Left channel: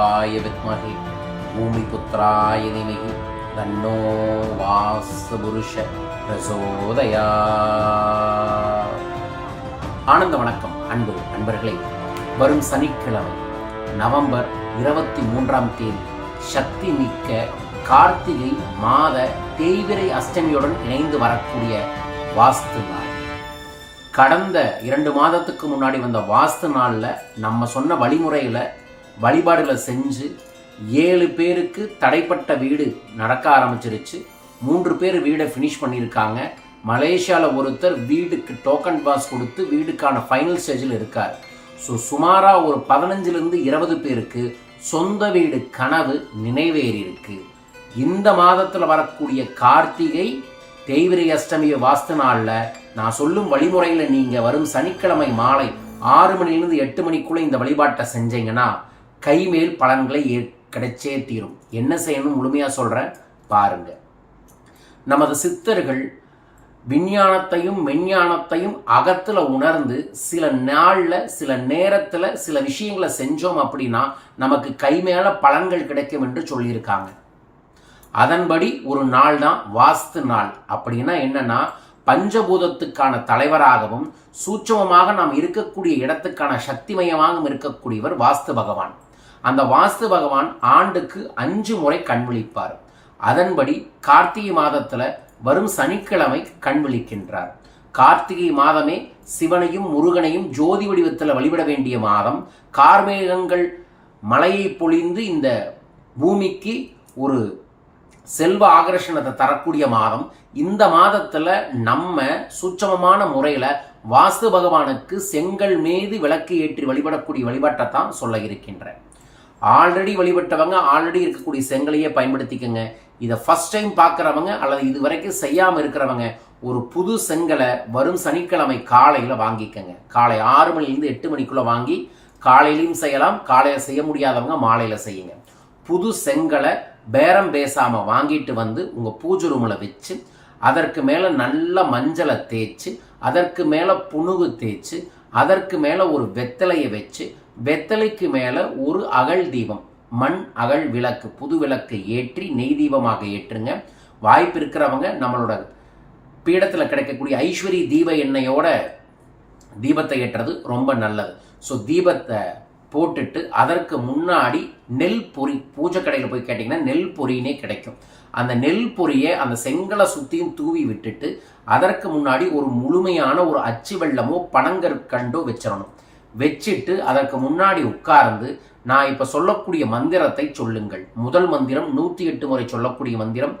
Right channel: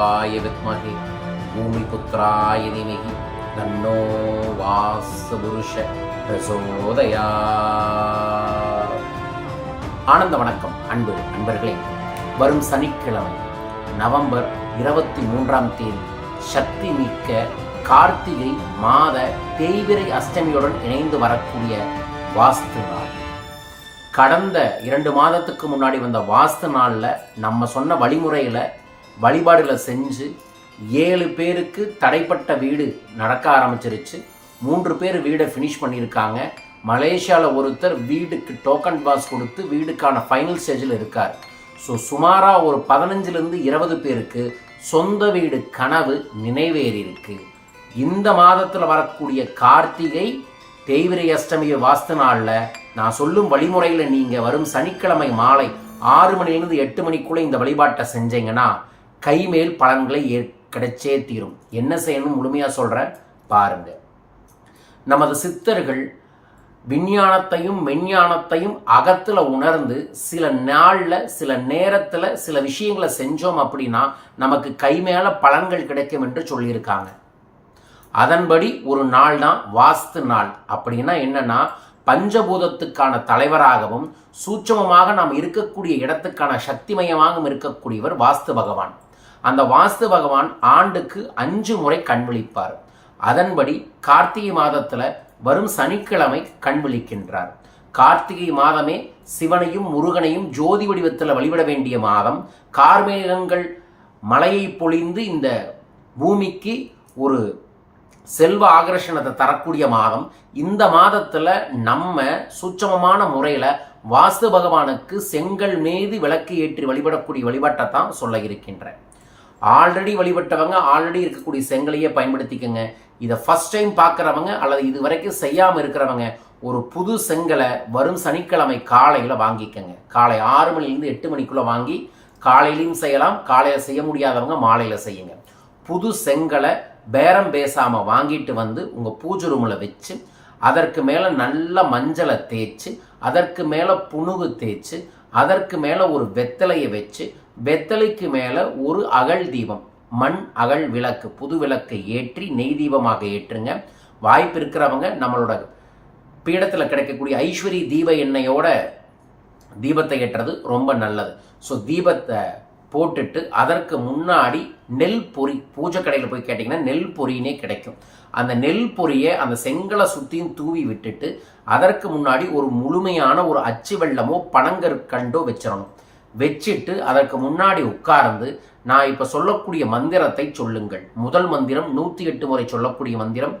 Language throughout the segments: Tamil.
அனந்தகுருவாய வித்மகே பூமி புத்திராய நிமகி தன்னோ வாசபுருஷ பிரசோதயா ஆனந்த வணக்கம் அன்பு அன்பர்களே வரும் சனிக்கிழமை நவம்பர் இருபத்தி மூன்றாம் தேதி சக்தி மிக்க கார்த்திகை மாத தேய்விரை அஷ்டமியுடன் இணைந்து வரக்கூடிய வாஸ்து நாள் கடந்த இரண்டு மாதத்துக்கு முன்னாடி வந்த வாஸ்து நாளில் நம்ம சொன்ன வழிமுறையில் வழிபாடுகளை செஞ்சு ஏழு பேருக்கு தடைப்பட்ட வீடு நடக்க ஆரம்பிச்சிருச்சு. மூன்று பேர் வீடை ஃபினிஷ் பண்ணியிருக்காங்க. மலேசியாவில் ஒருத்தர் வீடுக்கு டோக்கன் பாஸ் கொடுத்து வீடுக்கான ஃபைனல் ஸ்டேஜில் இருக்கார். ஸோ சுமாராக ஒரு பதினஞ்சுலேருந்து இருபது பேருக்கு சொந்த வீடு கனவு நினைவேறியிருக்கு. இந்த மாதத்தில் வரக்கூடிய கார்த்திகை தேய்விரை அஷ்டமிய வாஸ்து நாளில் நான் சொல்லும் வழிமுறையில் நீங்கள் வரும் சனிக்கிழமை மாலை ஆறு மணிலேருந்து எட்டு மணிக்குள்ளே இந்த வழிபாட்டை செஞ்சீங்கன்னா கைமேல் பலன்களை ஏ கிடைச்சே தீரும். என்ன செய்யணும் முழுமையாக சொல்கிறேன் பாருங்க. நமது சித்தர்கள் விஞ்ஞானத்தையும் மெஞ்ஞானத்தையும் அகத்தில் உணர்ந்து சில நாளில் சில நேரத்தில் சில விஷயங்களை செஞ்சோம் அப்படின்னா நமக்கு கைமேல பலன்கள் கிடைக்கும் என்று சொல்லியிருக்காங்க. அதன்படி ஒரு நாள் தான் வாஸ்து நாள். அப்படின்னா என்னன்னா பஞ்சபூதத்துக்கான தலைவராகவும் சூட்சமமாக நாம் இருக்கக்கூடிய இடத்துக்கான சக்திமயமாகவும் இருக்கக்கூடியவர் வாஸ்து பகவான். அந்த வாஸ்து பகவான் ஆண்டுக்கு அஞ்சு முறை கண் விழிப்பார் அதன்படி கார்த்திகை மாதத்துல வரும் சனிக்கிழமை கண் விழிக்கின்றார் கார்த்திகை மாதமே சிவனையும் முருகனையும் ஜோதி வடிவத்தில் வழிபட வேண்டிய மாதம். கார்மேகங்கள் மலையை பொழிந்து இந்த பூமிக்கு ஒரு செல்வ ஆகர்ஷணத்தை தரக்கூடிய மாதம். இந்த மாதத்துல நம்ம சுட்சமமான முறையில வாஸ்து பகவானுக்கு செங்கல் மீது விளக்கு ஏற்றி வழிபடக்கூடிய வழிபாட்டை தான் சொல்ல இருக்கின்றேன். ஆல்ரெடி வழிபட்டவங்க ஆல்ரெடி இருக்கக்கூடிய செங்கலையே பயன்படுத்திக்கங்க. இதை ஃபர்ஸ்ட் டைம் பார்க்குறவங்க அல்லது இது வரைக்கும் செய்யாமல் இருக்கிறவங்க ஒரு புது செங்கலை வரும் சனிக்கிழமை காலையில் வாங்கிக்கங்க. காலை ஆறு மணிலேருந்து எட்டு மணிக்குள்ளே வாங்கி காலையிலையும் செய்யலாம் காலையில் செய்ய முடியாதவங்க மாலையில் செய்யுங்க. புது செங்கலை பேரம் பேசாமல் வாங்கிட்டு வந்து உங்கள் பூஜை ரூமில் வச்சு அதற்கு மேலே நல்ல மஞ்சளை தேய்ச்சி அதற்கு மேலே புணுகு தேய்ச்சி அதற்கு மேலே ஒரு வெத்தலையை வச்சு வெத்தலைக்கு மேலே ஒரு அகல் தீபம் மண் அகல் விளக்கு புது விளக்கை ஏற்றி நெய் தீபமாக ஏற்றுங்க. வாய்ப்பு இருக்கிறவங்க நம்மளோட பீடத்தில் கிடைக்கக்கூடிய ஐஸ்வரி தீப எண்ணெயோட தீபத்தை ஏற்றுறது ரொம்ப நல்லது. ஸோ தீபத்தை போட்டுட்டு அதற்கு முன்னாடி நெல் பொறி பூஜை கடையில் போய் கேட்டிங்கன்னா நெல் பொரினே கிடைக்கும். அந்த நெல் பொரியை அந்த செங்கலை சுற்றியும் தூவி விட்டுட்டு அதற்கு முன்னாடி ஒரு முழுமையான ஒரு அச்சு வெள்ளமோ பனங்கற்கண்டோ வச்சிடணும். வச்சுட்டு அதற்கு முன்னாடி உட்கார்ந்து நான் இப்போ சொல்லக்கூடிய மந்திரத்தை சொல்லுங்கள். முதல் மந்திரம் நூற்றி எட்டு முறை சொல்லக்கூடிய மந்திரம்.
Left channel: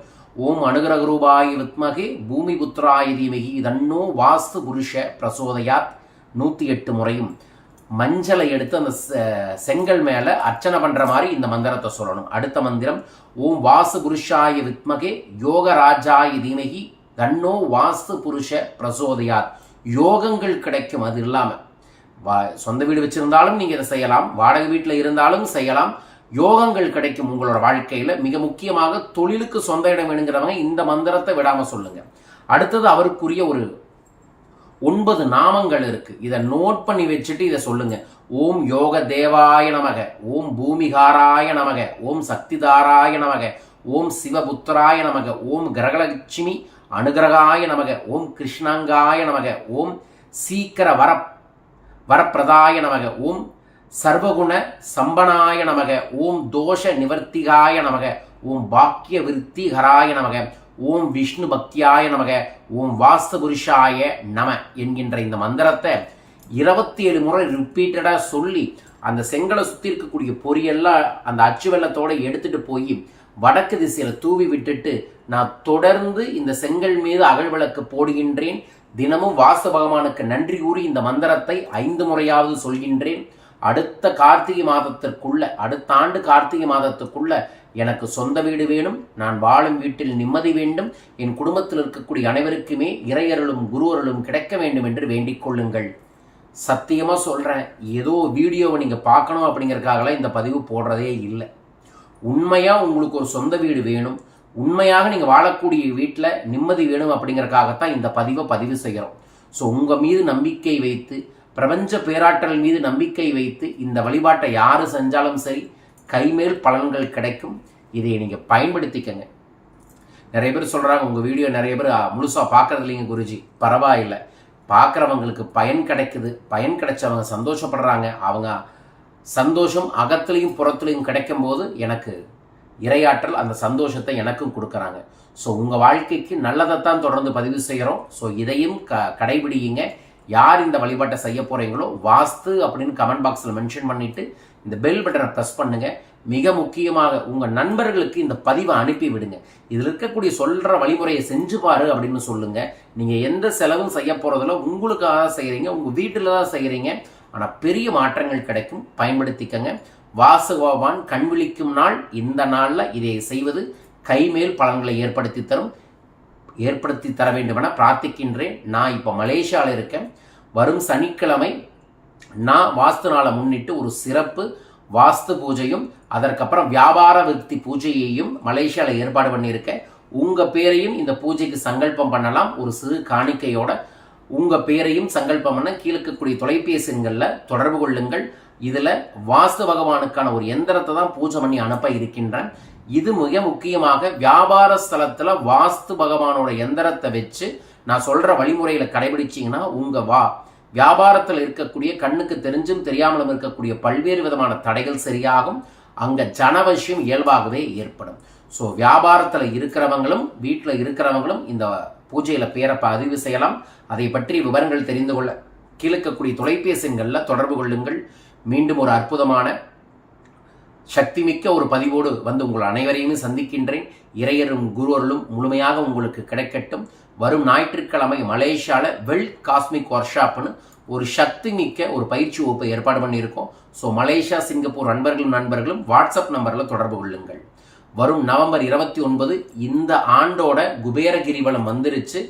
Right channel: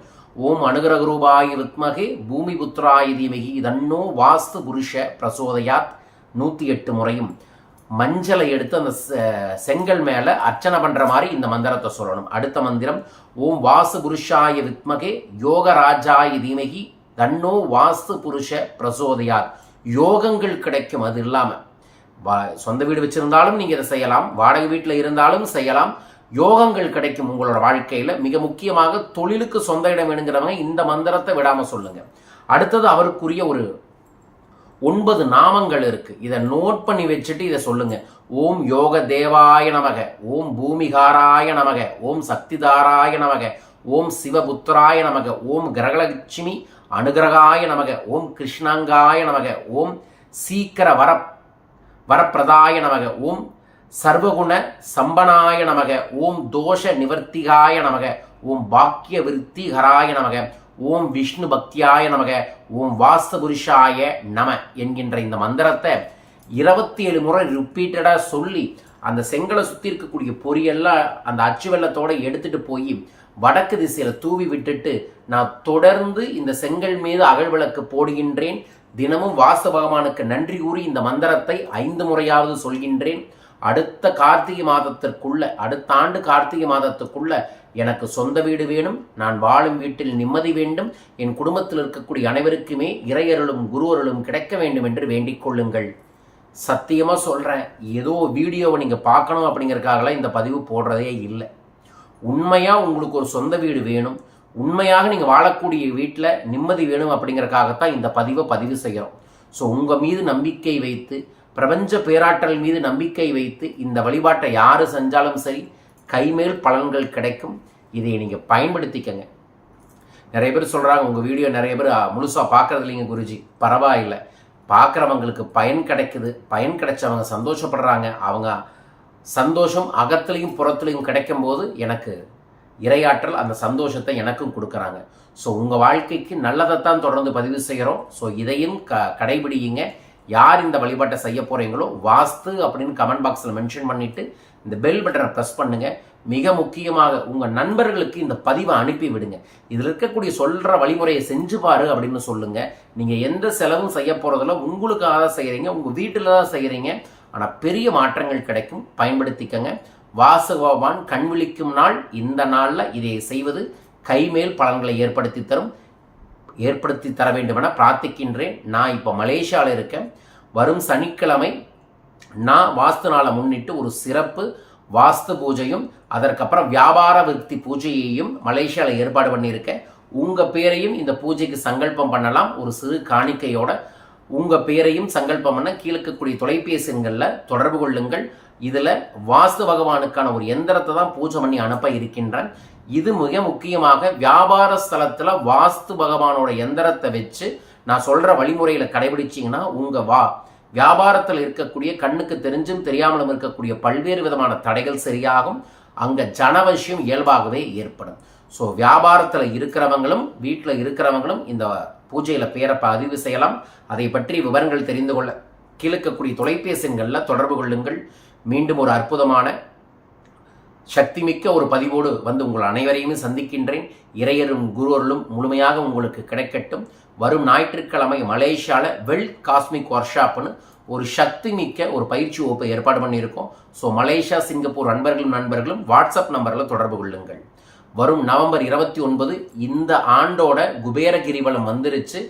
ஓம் அனுகிரகரூபாய வித்மகே பூமி புத்திராய தீமகி தன்னோ வாஸ்து புருஷ பிரசோதயாத். நூற்றி எட்டு முறையும். மஞ்சளை எடுத்து அந்த செங்கல் மேலே அர்ச்சனை பண்ணுற மாதிரி இந்த மந்திரத்தை சொல்லணும். அடுத்த மந்திரம் ஓம் வாசு புருஷாய வித்மகே யோகராஜாய தீமகி தன்னோ வாஸ்து புருஷ பிரசோதையார் யோகங்கள் கிடைக்கும் அது இல்லாமல் வா சொந்த வீடு வச்சிருந்தாலும் நீங்கள் இதை செய்யலாம் வாடகை வீட்டில் இருந்தாலும் செய்யலாம். யோகங்கள் கிடைக்கும் உங்களோட வாழ்க்கையில். மிக முக்கியமாக தொழிலுக்கு சொந்த இடம் வேணுங்கிறவங்க இந்த மந்திரத்தை விடாமல் சொல்லுங்க. அடுத்தது அவருக்குரிய ஒரு ஒன்பது நாமங்கள் இருக்கு. இதை நோட் பண்ணி வச்சுட்டு இதை சொல்லுங்க. ஓம் யோக தேவாய நமக. ஓம் பூமிகாராய நமக. ஓம் சக்திதாராய நமக. ஓம் சிவபுத்திராய நமக. ஓம் கிரகலட்சுமி அனுகிரகாய நமக. ஓம் கிருஷ்ணாங்காய நமக. ஓம் சீக்கிர வர வரப்பிரதாய நமக. ஓம் சர்வகுண சம்பனாய நமக. ஓம் தோஷ நிவர்த்திகாய நமக. ஓம் பாக்கிய விருத்திகராய நமக. ஓம் விஷ்ணு பக்தியாய நமக ஓம் வாஸ்துபுருஷாய நம என்கின்ற இந்த மந்திரத்தை இருபத்தி ஏழு முறை ரிப்பீட்டடாக சொல்லி அந்த செங்கலை சுற்றி இருக்கக்கூடிய பொரியெல்லாம் அந்த அச்சு வெள்ளத்தோடு எடுத்துகிட்டு போய் வடக்கு திசையில் தூவி விட்டுட்டு நான் தொடர்ந்து இந்த செங்கல் மீது அகழ்விளக்கு போடுகின்றேன். தினமும் வாசு பகவானுக்கு நன்றி கூறி இந்த மந்திரத்தை ஐந்து முறையாவது சொல்கின்றேன். அடுத்த கார்த்திகை மாதத்திற்குள்ள அடுத்த ஆண்டு கார்த்திகை மாதத்துக்குள்ள எனக்கு சொந்த வீடு வேணும் நான் வாழும் வீட்டில் நிம்மதி வேண்டும் என் குடும்பத்தில் இருக்கக்கூடிய அனைவருக்குமே இறையருளும் குருவருளும் கிடைக்க வேண்டும் என்று வேண்டிக் கொள்ளுங்கள். சத்தியமாக சொல்கிறேன் ஏதோ வீடியோவை நீங்கள் பார்க்கணும் அப்படிங்கிறதுக்காகலாம் இந்த பதிவு போடுறதே இல்லை. உண்மையாக உங்களுக்கு ஒரு சொந்த வீடு வேணும் உண்மையாக நீங்கள் வாழக்கூடிய வீட்டில் நிம்மதி வேணும் அப்படிங்கிறக்காகத்தான் இந்த பதிவை பதிவு செய்கிறோம். ஸோ உங்கள் மீது நம்பிக்கை வைத்து பிரபஞ்ச பேராற்றல் மீது நம்பிக்கை வைத்து இந்த வழிபாட்டை யாரு செஞ்சாலும் சரி கைமேல் பலன்கள் கிடைக்கும். இதை நீங்கள் பயன்படுத்திக்கங்க. நிறைய பேர் சொல்கிறாங்க உங்கள் வீடியோ நிறைய பேர் முழுசாக பார்க்குறது இல்லைங்க குருஜி. பரவாயில்லை. பார்க்குறவங்களுக்கு பயன் கிடைக்குது. பயன் கிடைச்சவங்க சந்தோஷப்படுறாங்க. அவங்க சந்தோஷம் அகத்துலேயும் புறத்துலையும் கிடைக்கும் போது எனக்கு இரையாற்றல் அந்த சந்தோஷத்தை எனக்கும் கொடுக்குறாங்க. ஸோ உங்கள் வாழ்க்கைக்கு நல்லதைத்தான் தொடர்ந்து பதிவு செய்கிறோம் ஸோ இதையும் க கடைபிடியுங்க. யார் இந்த வழிபாட்டை செய்ய போகிறீங்களோ வாஸ்து அப்படின்னு கமெண்ட் பாக்ஸில் மென்ஷன் பண்ணிவிட்டு இந்த பெல் பட்டனை ப்ரெஸ் பண்ணுங்கள் மிக முக்கியமாக உங்கள் நண்பர்களுக்கு இந்த பதிவை அனுப்பி விடுங்க. இதில் இருக்கக்கூடிய சொல்கிற வழிமுறையை செஞ்சு பாரு அப்படின்னு சொல்லுங்கள் நீங்கள் எந்த செலவும் செய்ய போகிறதில்ல உங்களுக்காக தான் செய்கிறீங்க உங்கள் வீட்டில் தான் செய்கிறீங்க ஆனால் பெரிய மாற்றங்கள் கிடைக்கும். பயன்படுத்திக்கங்க. வாசு கண் விழிக்கும் நாள். இந்த நாளில் இதை செய்வது கைமேல் பலன்களை ஏற்படுத்தி தரும். ஏற்படுத்தி தர வேண்டுமென பிரார்த்திக்கின்றேன். நான் இப்போ மலேசியாவில் இருக்கேன். வரும் சனிக்கிழமை நான் வாஸ்து நாளை முன்னிட்டு ஒரு சிறப்பு வாஸ்து பூஜையும் அதற்கப்புறம் வியாபார விருத்தி பூஜையையும் மலேசியாவில் ஏற்பாடு பண்ணியிருக்கேன். உங்கள் பேரையும் இந்த பூஜைக்கு சங்கல்பம் பண்ணலாம். ஒரு சிறு காணிக்கையோட உங்கள் பேரையும் சங்கல்பம் பண்ண கீழக்கக்கூடிய தொலைபேசிகளில் தொடர்பு கொள்ளுங்கள். இதில் வாஸ்து பகவானுக்கான ஒரு எந்திரத்தை தான் பூஜை பண்ணி அனுப்ப இருக்கின்றேன். இது மிக முக்கியமாக வியாபார ஸ்தலத்தில் வாஸ்து பகவானோட எந்திரத்தை வச்சு நான் சொல்கிற வழிமுறையில் கடைபிடிச்சிங்கன்னா உங்கள் வா. வியாபாரத்தில் இருக்கக்கூடிய கண்ணுக்கு தெரிஞ்சும் தெரியாமலும் இருக்கக்கூடிய பல்வேறு விதமான தடைகள் சரியாகும். அங்கே ஜனவசியம் இயல்பாகவே ஏற்படும். ஸோ வியாபாரத்தில் இருக்கிறவங்களும் வீட்டில் இருக்கிறவங்களும் இந்த பூஜையில் பேரை பதிவு செய்யலாம். அதை பற்றி விவரங்கள் தெரிந்து கொள்ள கீழக்கக்கூடிய தொலைபேசிகளில் தொடர்பு கொள்ளுங்கள். மீண்டும் ஒரு அற்புதமான சக்திமிக்க ஒரு பதிவோடு வந்து உங்கள் அனைவரையுமே சந்திக்கின்றேன். இறையரும் குருவர்களும் முழுமையாக உங்களுக்கு கிடைக்கட்டும். வரும் ஞாயிற்றுக்கிழமை மலேசியாவில் வெல் காஸ்மிக் ஒர்க் ஷாப்னு ஒரு சக்தி மிக்க ஒரு பயிற்சி வகுப்பை ஏற்பாடு பண்ணியிருக்கோம். ஸோ மலேசியா சிங்கப்பூர் நண்பர்களும் நண்பர்களும் வாட்ஸ்அப் நம்பரில் தொடர்பு கொள்ளுங்கள். வரும் நவம்பர் இருபத்தி ஒன்பது இந்த ஆண்டோட குபேர கிரிவலம் வந்துருச்சு.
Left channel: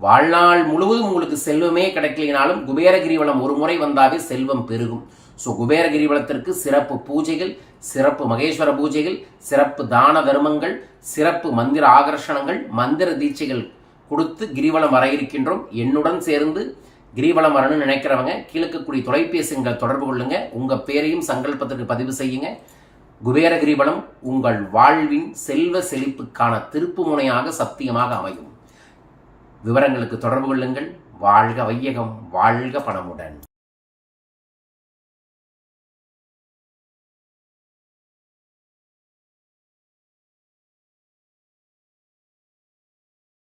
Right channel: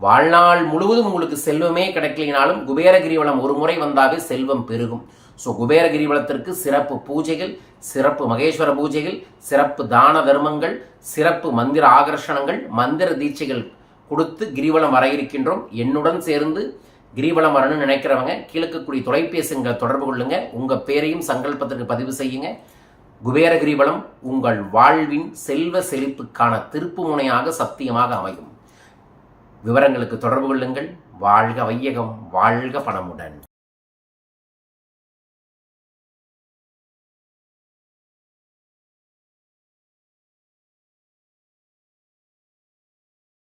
வாழ்நாள் முழுவதும் உங்களுக்கு செல்வமே கிடைக்கலினாலும் குபேர கிரிவலம் ஒரு முறை வந்தாவே செல்வம் பெருகும். ஸோ குபேர கிரிவலத்திற்கு சிறப்பு பூஜைகள் சிறப்பு மகேஸ்வர பூஜைகள் சிறப்பு தான தர்மங்கள் சிறப்பு மந்திர ஆகர்ஷணங்கள் மந்திர தீட்சைகள் கொடுத்து கிரிவலம் வர இருக்கின்றோம். என்னுடன் சேர்ந்து கிரிவலம் வரணும்னு நினைக்கிறவங்க கீழக்கக்கூடிய தொலைபேசிகள் தொடர்பு கொள்ளுங்க. உங்கள் பேரையும் சங்கல்பத்திற்கு பதிவு செய்யுங்க. குபேர கிரிவலம் உங்கள் வாழ்வின் செல்வ செழிப்புக்கான திருப்பு முனையாக சத்தியமாக அமையும். விவரங்களுக்கு தொடர்பு கொள்ளுங்கள். வாழ்க வையகம் வாழ்க பணமுடன்.